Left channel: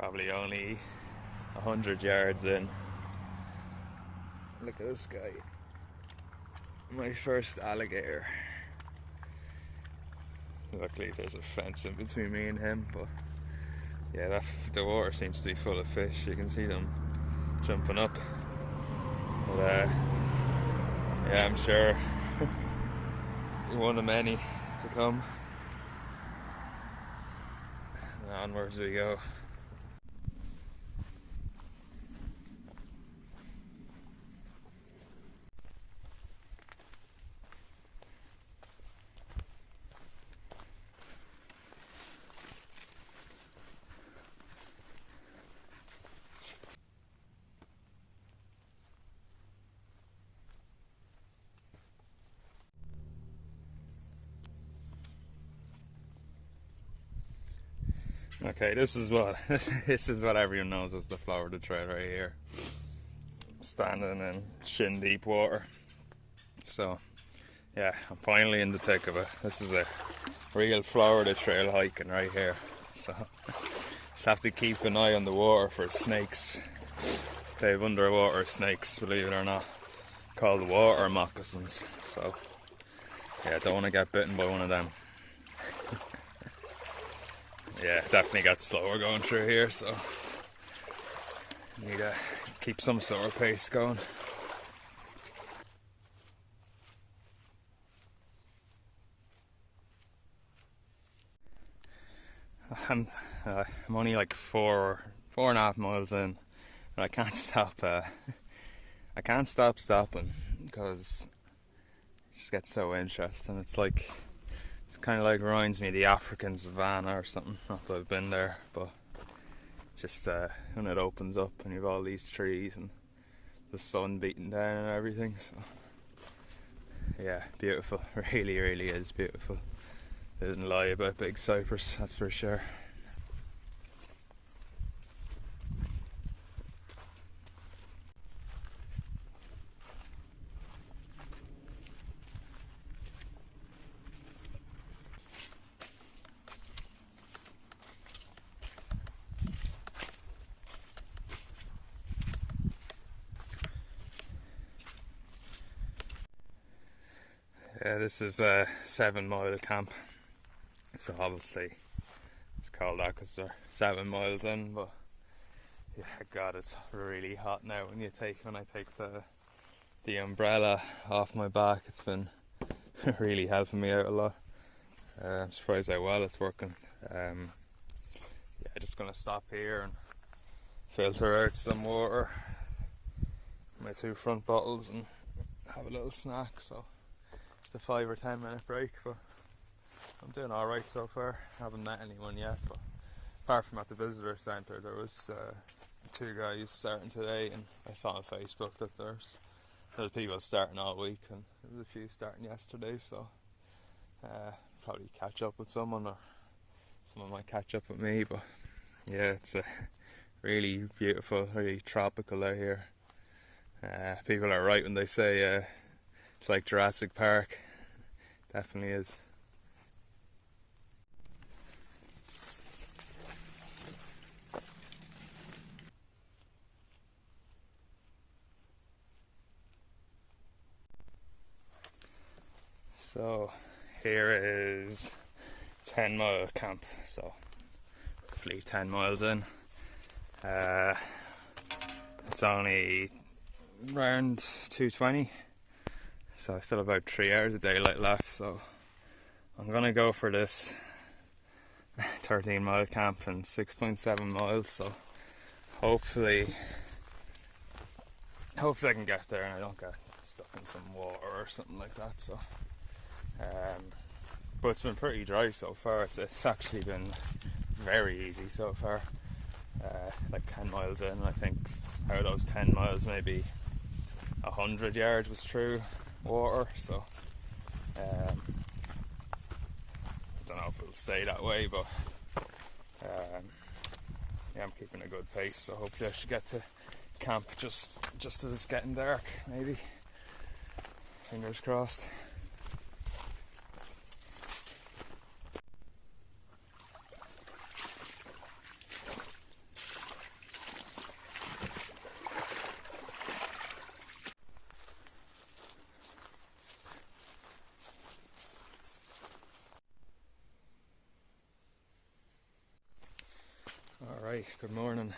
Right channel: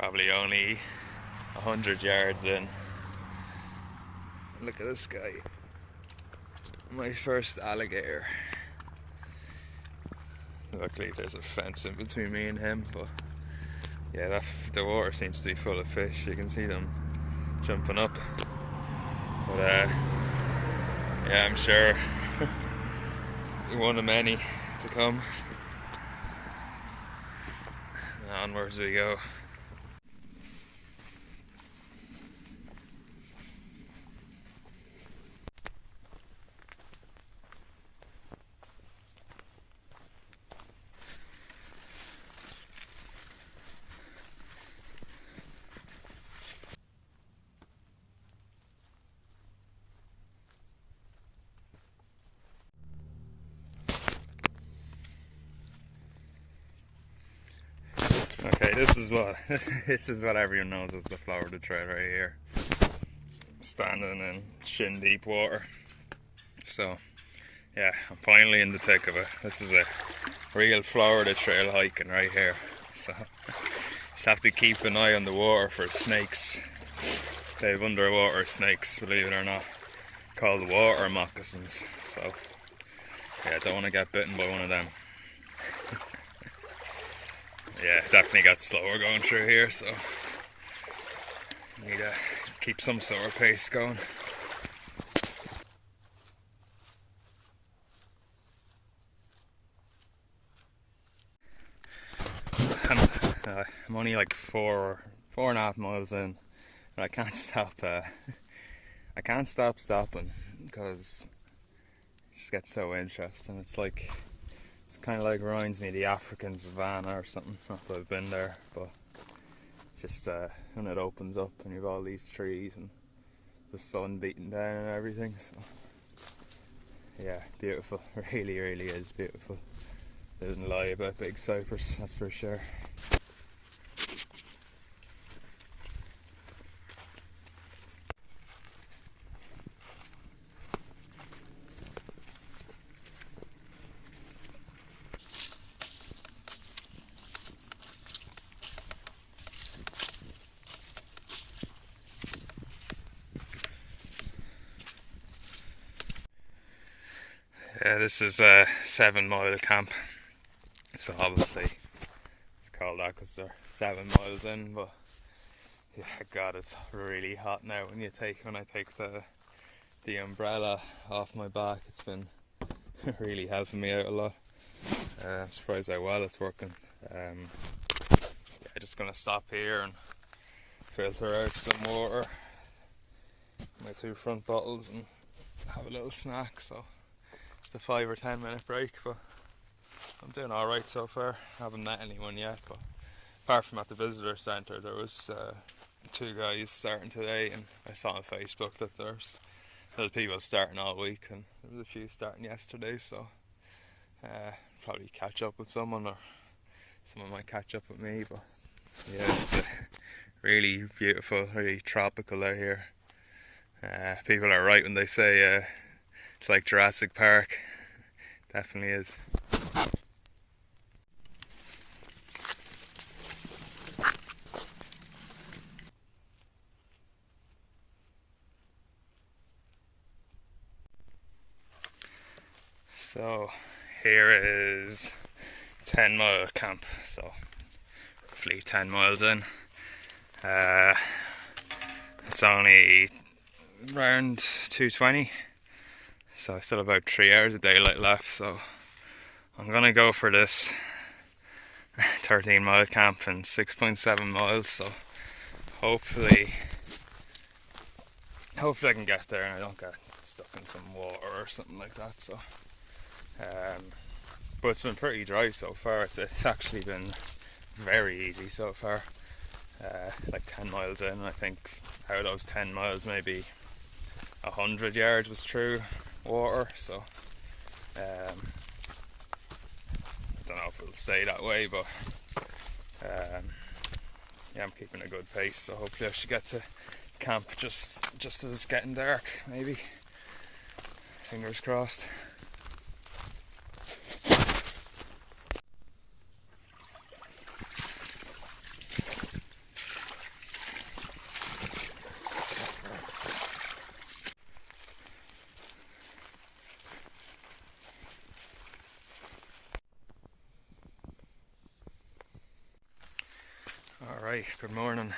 Probably only 100 yards in. Look at this guy. My first alligator. Luckily there's a fence in between me and him, but yeah, the water seems to be full of fish. You can see them jumping up. But yeah, I'm sure one of many to come. And onwards we go. Okay, this is what everyone knows as the Florida Trail right here. Standing in shin deep water. So yeah, I'm finally in the thick of it. This is a real Florida Trail hiking right here. So just have to keep an eye on the water for snakes. They have underwater snakes, believe it or not, called water moccasins. So yeah, don't want to get bitten by one of them. Yeah, definitely got slower going through here, so need to keep some sort of pace going. I'm only like 4.5 miles in, and I can't stop. I can't stop stopping because it just gets so interesting. It's kind of like reminds me of the African savannah or something. Not that I've been there, but just when it opens up and you've all these trees and the sun beating down and everything. So yeah, beautiful. Really, really is beautiful. They didn't lie about big Cypress, that's for sure. Yeah, this is a 7-mile camp, so obviously it's called that because they're 7 miles in, but yeah, God, it's really hot now when I take the umbrella off my back. It's been really helping me out a lot. I'm surprised how well it's working. Yeah, just gonna stop here and filter out some water, my 2 front bottles, and have a little snack. So just a 5 or 10 minute break, but I'm doing alright so far. I haven't met anyone yet, but apart from at the visitor centre, there was 2 guys starting today, and I saw on Facebook that there's people starting all week, and there was a few starting yesterday, so probably catch up with someone, or someone might catch up with me. But yeah, it's really beautiful, really tropical out here. People are right when they say it's like Jurassic Park. Definitely is. So here is 10-mile camp, so roughly 10 miles in. It's only around 2:20, so I still have about 3 hours of daylight left, so I'm gonna go for this 13-mile camp in 6.7 miles, so hopefully I can get there and I don't get stuck in some water or something like that. So but it's been pretty dry so far. It's actually been very easy so far. Like 10 miles in, I think out of those 10 miles maybe 100 yards was through water, so I don't know if it'll stay that way, but yeah, I'm keeping a good pace, so hopefully I should get to camp just as it's getting dark, maybe. Fingers crossed. Alright, good morning.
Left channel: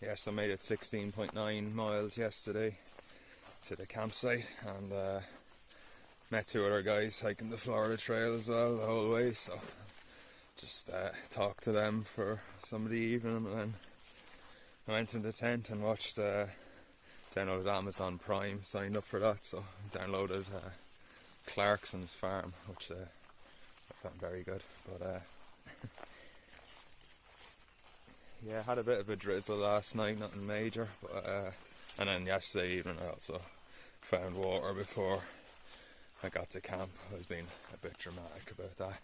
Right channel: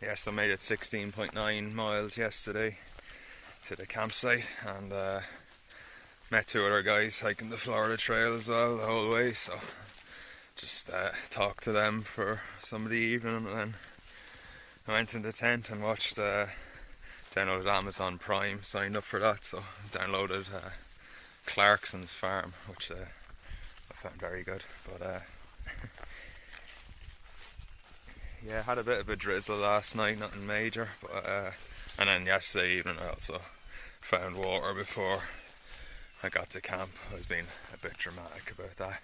Yes, I made it 16.9 miles yesterday to the campsite, and met two other guys hiking the Florida Trail as well the whole way, so just talked to them for some of the evening, and then I went in the tent and watched, downloaded Amazon Prime, signed up for that, so downloaded Clarkson's Farm, which I found very good, but yeah, had a bit of a drizzle last night, nothing major, but and then yesterday evening I also found water before I got to camp. I was being a bit dramatic about that.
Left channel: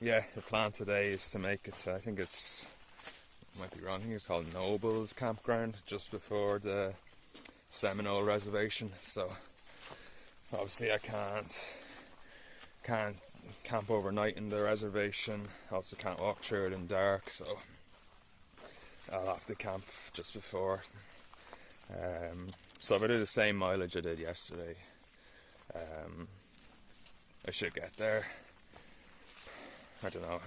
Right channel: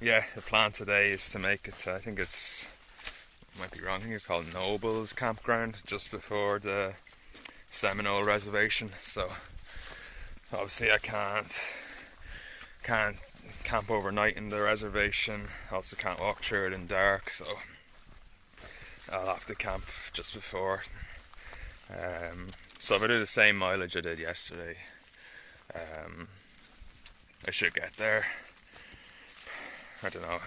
Yeah, the plan today is to make it to, I think it's, might be wrong, I think it's called Noble's Campground, just before the Seminole Reservation, so obviously I can't camp overnight in the reservation, also can't walk through it in dark, so I'll have to camp just before. So if I do the same mileage I did yesterday, I should get there. I don't know,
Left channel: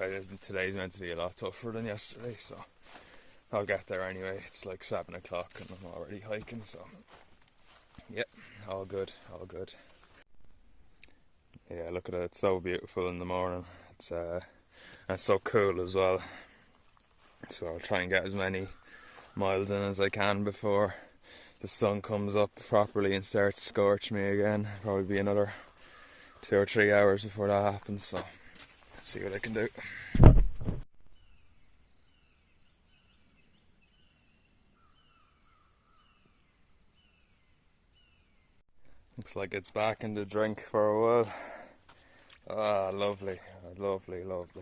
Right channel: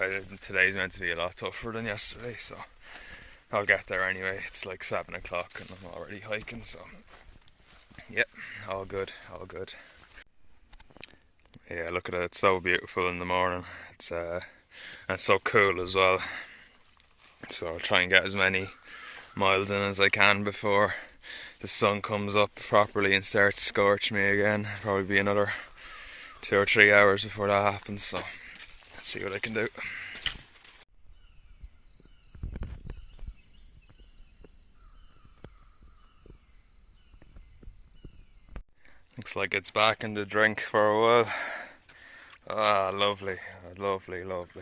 today's meant to be a lot tougher than yesterday, so I'll get there anyway. It's like 7 o'clock and I'm already hiking, so yep, all good, all good. Yeah, look at it, it's so beautiful in the morning. It's and it's so cool as well. So I'll try and get as many miles in as I can before the sun comes up properly and starts to scorch me again. Probably be another 2 or 3 hours before that happens, so let's see what I can do. Looks like it's back in the drink for a while. Ah, lovely, lovely, lovely.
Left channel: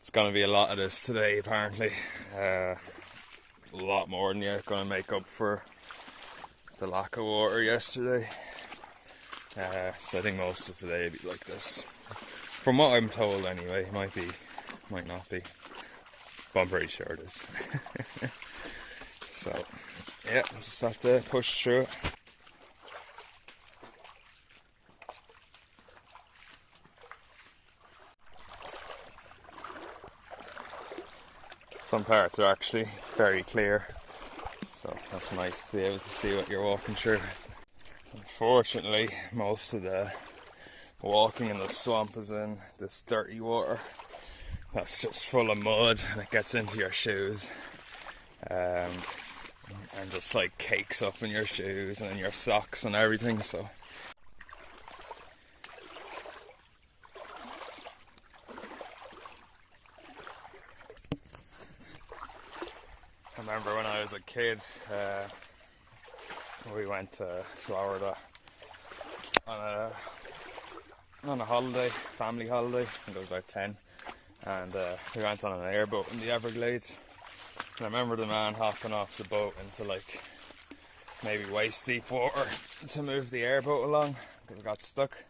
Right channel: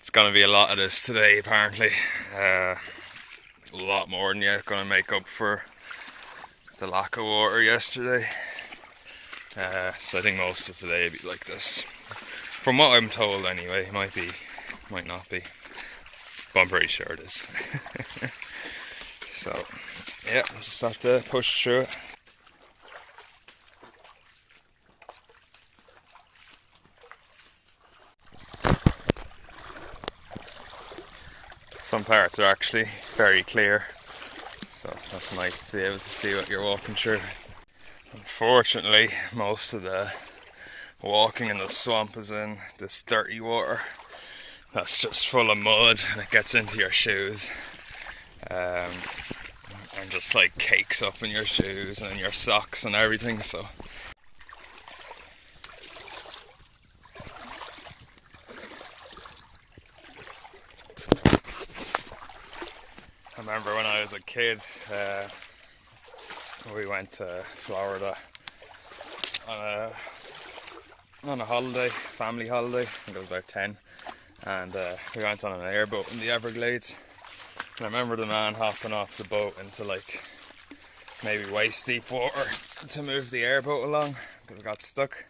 It's gonna be a lot of this today, apparently. A lot more than you're gonna make up for the lack of water yesterday. So I think most of today will be like this. From what I'm told anyway, it might be, might not be. But I'm pretty sure it is. So, yeah, just have to push through it. Some parts are actually very clear, so that's nice to be able to see what you're walking through. Unfortunately, most of the walking in the swamp is in this dirty water that's just full of mud, and it gets into your shoes and just like cakes up in your shoes and in your socks and everything, so I remember when I was a kid, we went to Florida on a holiday, family holiday. I think I was about 10, and we went on an airboat in the Everglades. And I remember the man hopping off the boat into like maybe waist deep water to move the airboat along because it got stuck.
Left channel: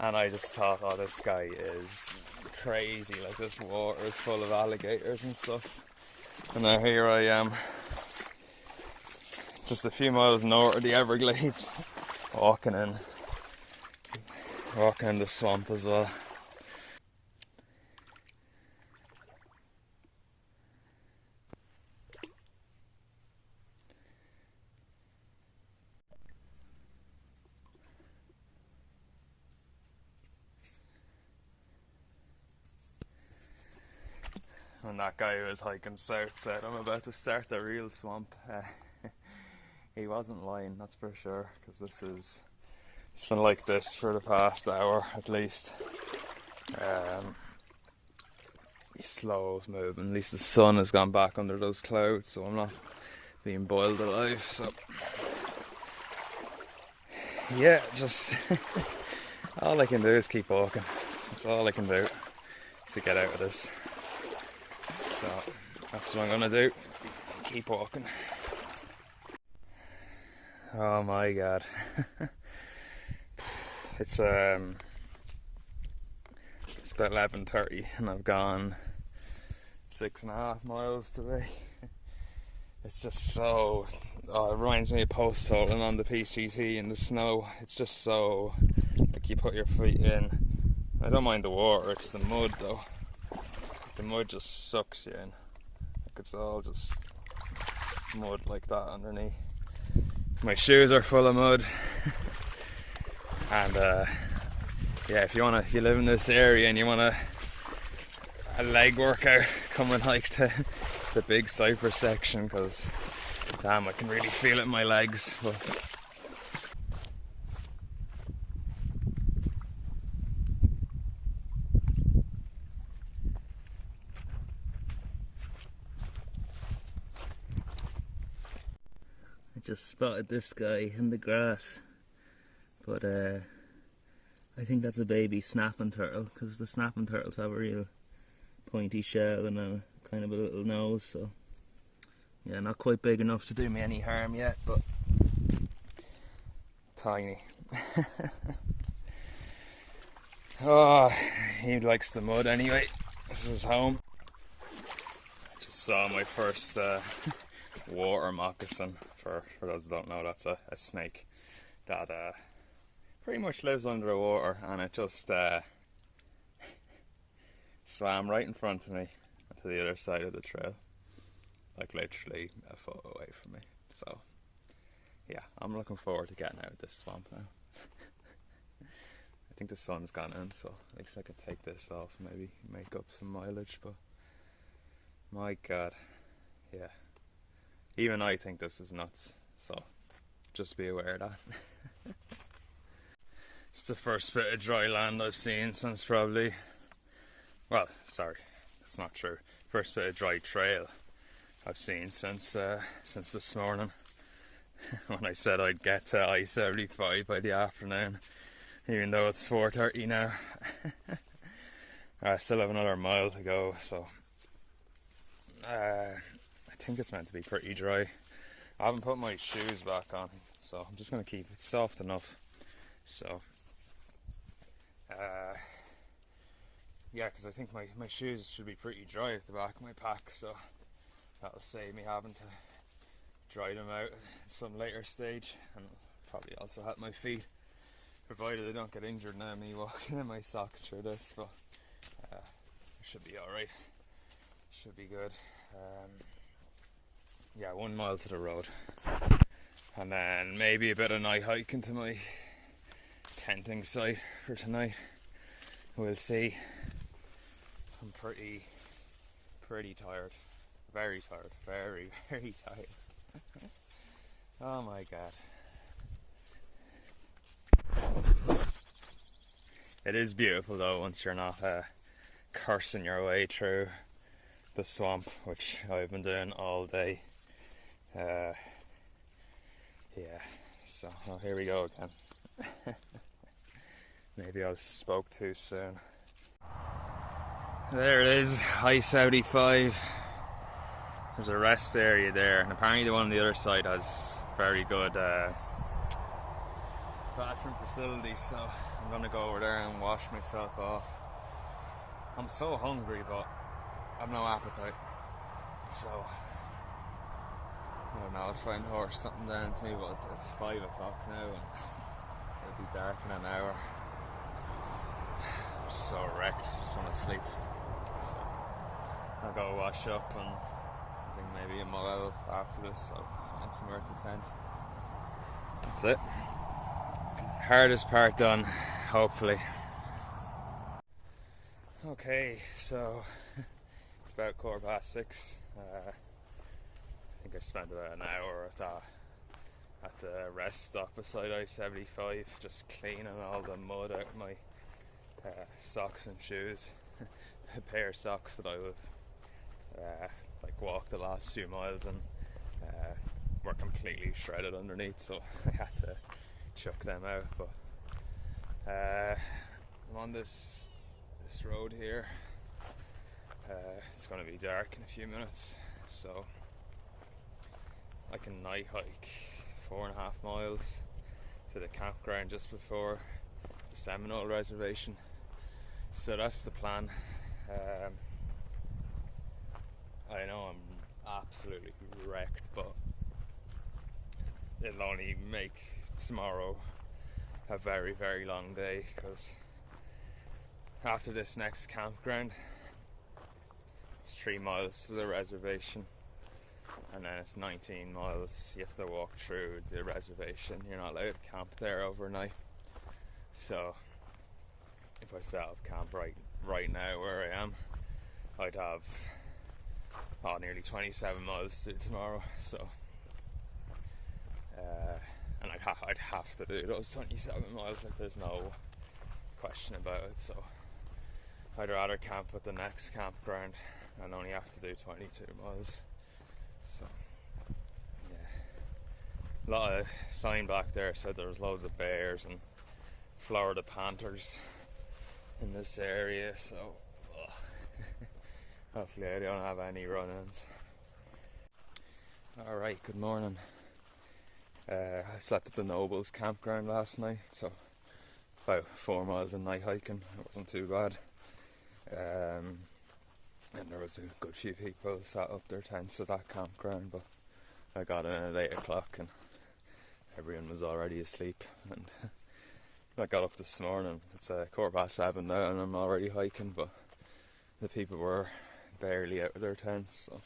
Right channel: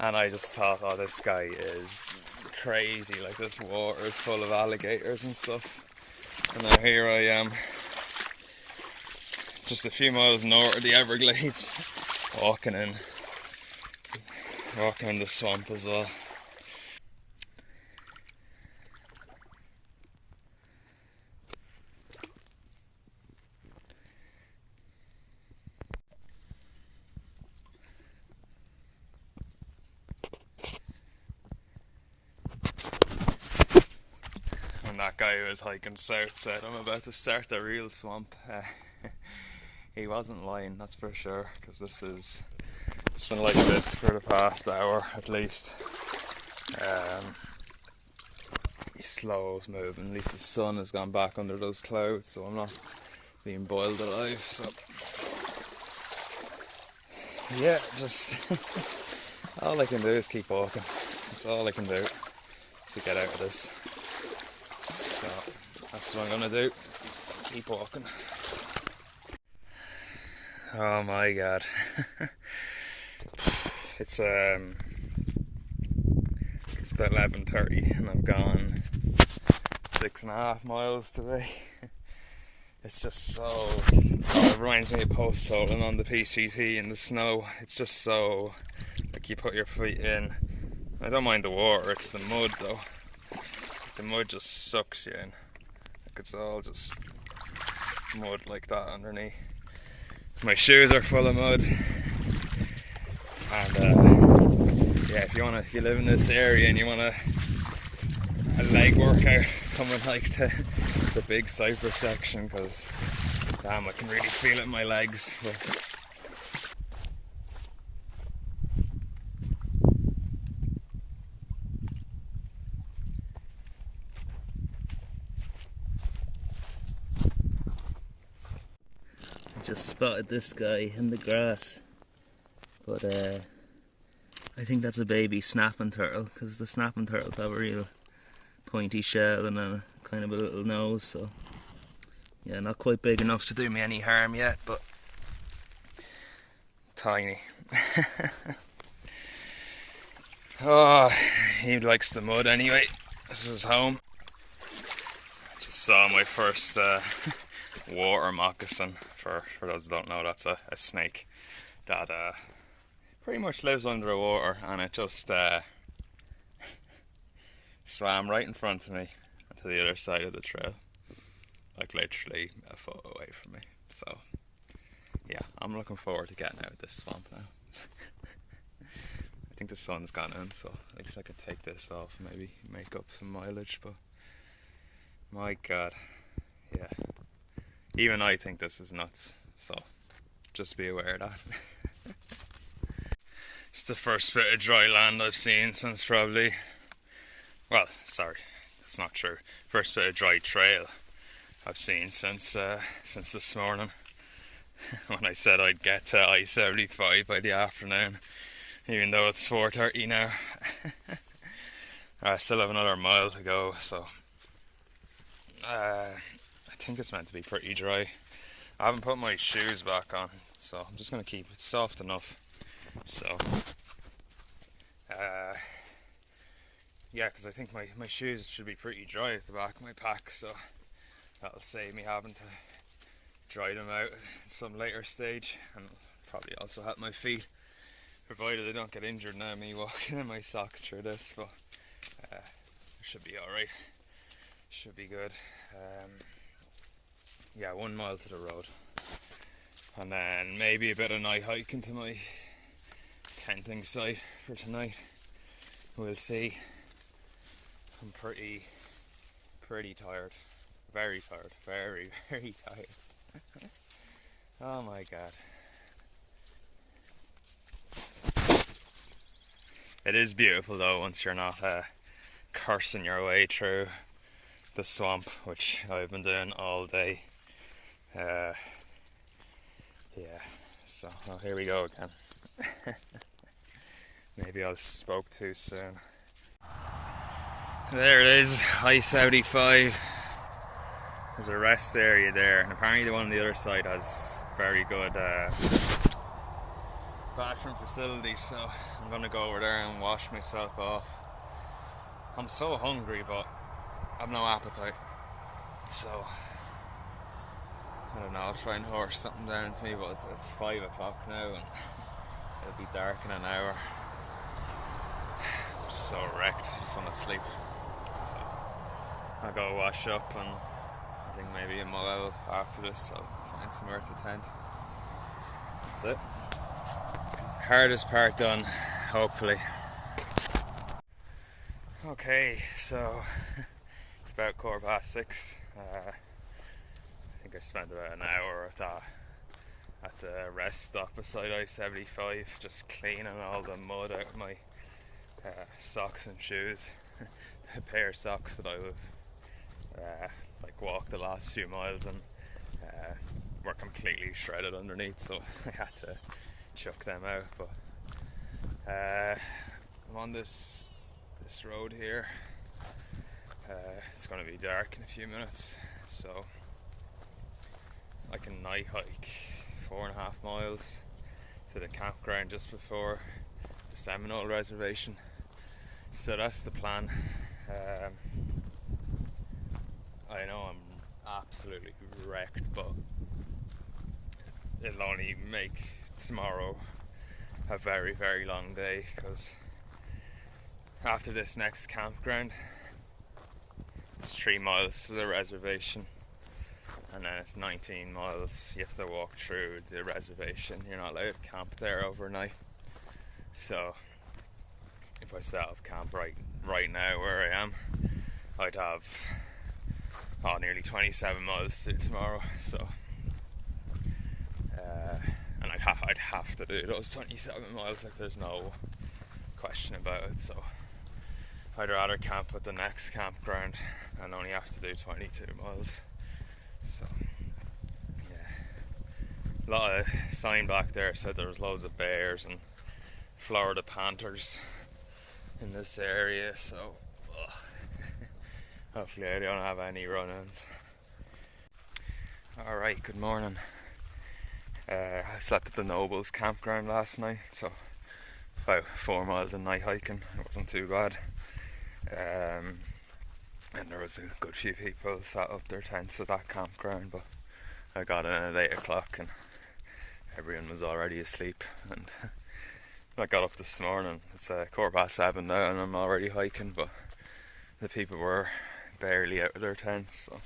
And I just thought, oh, this guy is crazy, like this water is full of alligators and stuff. And now here I am, just a few miles north of the Everglades, walking in the swamp as well. When that guy who was hiking south said, I'm about to start the real swamp, he wasn't lying, that's for sure, because it's been like this for the past hour at least. Slow moving, at least the sun has gone back under those clouds, so I'm not being boiled alive, so yeah, just all I can do is keep walking. That's all I can do to get out of this. So that's what I'm gonna do. Keep walking. Oh my god. It's about 11:30 and I've gone 6.5 miles today. It's just so, it reminds me of post holing on the PCT in the snow. It's just so like you put your feet in. I don't mind the water, it's the mud though. The mud just sucks you in. Like it's all just mud like that underneath. My shoes are full of mud. And yeah, if you live in this area and you want a leg workout, come and hike to the big Cypress section, because damn, I can really feel it in my legs. But I just spotted this guy in the grass, but I think that's a baby snapping turtle, because the snapping turtles have a real pointy shell and a kind of a little nose, so yeah, not quite big enough to do me any harm yet, but tiny. Oh, he likes the mud anyway. This is his home. I just saw my first water moccasin. For those who don't know, that's a snake that pretty much lives under the water, and it just swam right in front of me to the other side of the trail, like literally a foot away from me. So yeah, I'm looking forward to getting out of this swamp now. I think the sun's gone in, so at least I could take this off, maybe make up some mileage, but my god, yeah, even I think this is nuts, so just be aware of that. It's the first bit of dry land I've seen since probably, well, sorry, that's not true. First bit of dry trail I've seen since this morning, when I said I'd get to I-75 by the afternoon, even though it's 4:30 now. I still have another mile to go, so I think it's meant to be pretty dry. I haven't put my shoes back on, so I'm just going to keep it soft enough. So yeah, because I think my shoes should be pretty dry at the back of my pack, so that'll save me having to dry them out at some later stage, and probably also help my feet, provided I don't get injured now me walking in my socks through this. But it should be alright, should be good. Yeah, 1 mile to the road, and then maybe a bit of night hiking to my tenting site for tonight. We'll see. I'm pretty tired, very tired, very tired. Oh my god. It is beautiful though, once you're not cursing your way through the swamp, which I've been doing all day. Yeah, so here we go again. Maybe I spoke too soon. There it is, I-75. There's a rest area there, and apparently the one on the other side has very good bathroom facilities, so I'm gonna go over there and wash myself off. I'm so hungry, but I've no appetite, so I don't know, I'll try and horse something down to me, but it's 5 o'clock now and it'll be dark in an hour. I'm just so wrecked, I just want to sleep. So I'll go wash up, and I think maybe a mile after this I'll find somewhere to tent. That's it. Hardest part done, hopefully. Okay, so it's about 6:15. I think I spent about an hour at the rest stop beside I-75, just cleaning all the mud out of my socks and shoes. A pair of socks that I would like walk the last few miles and were completely shredded underneath, so I had to chuck them out. But I'm on this road here. It's going to be dark in a few minutes, so I can night hike 4.5 miles to the campground just before the Seminole Reservation. So that's the plan. I know I'm absolutely wrecked, but it'll only make tomorrow a very, very long day, because after this next campground it's 3 miles to the reservation, and then it's 19 miles. You have to walk through the reservation. You're not allowed to camp there overnight. So if I set up camp right now where I am, I'd have nearly 27 miles to do tomorrow. So and I'd have to do those 27 miles, like there's no question about it. So I'd rather camp at the next campground and only have to do 22 miles. So yeah, a lot of sign back there said there was loads of bears and Florida panthers in this area, so hopefully I don't have any run-ins. Alright, good morning. I slept at the Nobles campground last night, so about 4 miles of night hiking. It wasn't too bad. And there was a good few people set up their tents at that campground, but I got in at 8 o'clock and everyone was already asleep. And I got up this morning, it's 7:15 now, and I'm already hiking, but the people were barely out of their tents, so.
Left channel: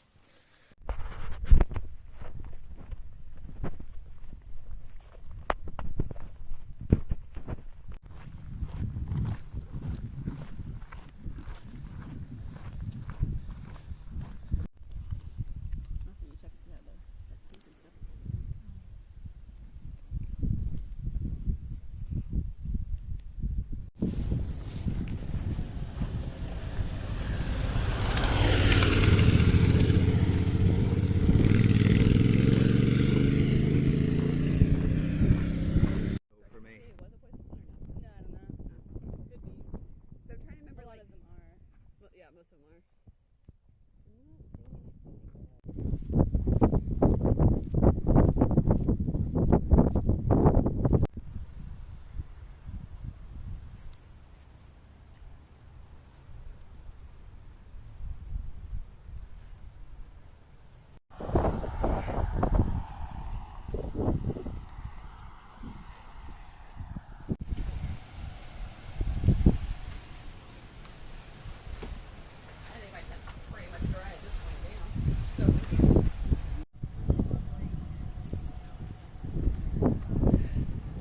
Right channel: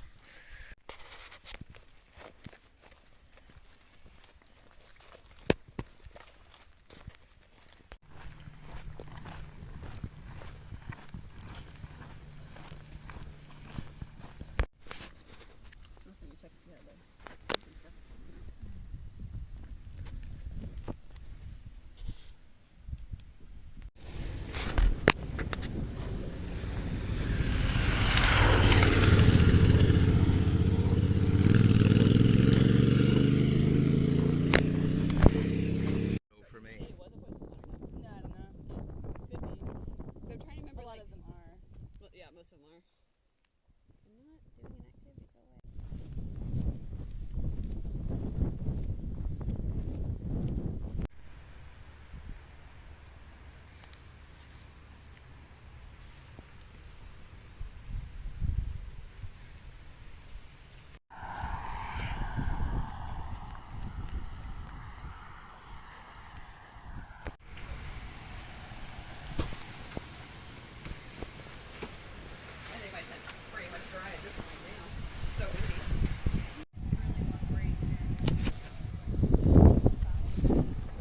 Most of them are.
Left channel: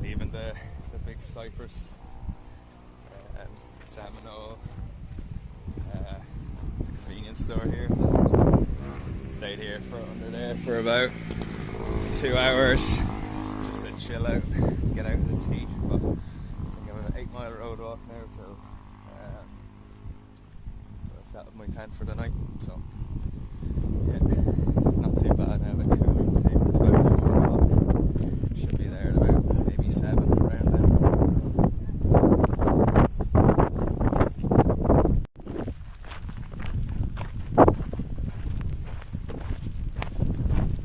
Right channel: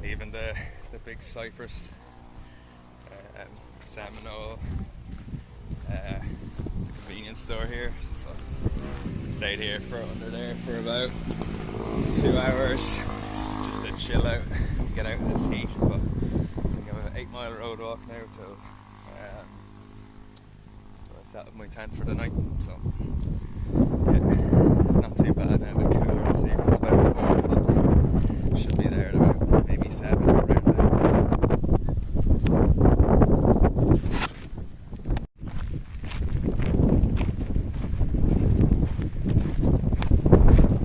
Leaving the big Cypress, Seminole, the convenience store here. So stayed here under there for about 2 hours just to chill out, get out of this heat. But I think I'm an 8-mile road walk now till I set up my tent for the night. So yeah, not too bad now. A bit cooler this evening. It's about 4 o'clock. Should be there at about maybe 7 around.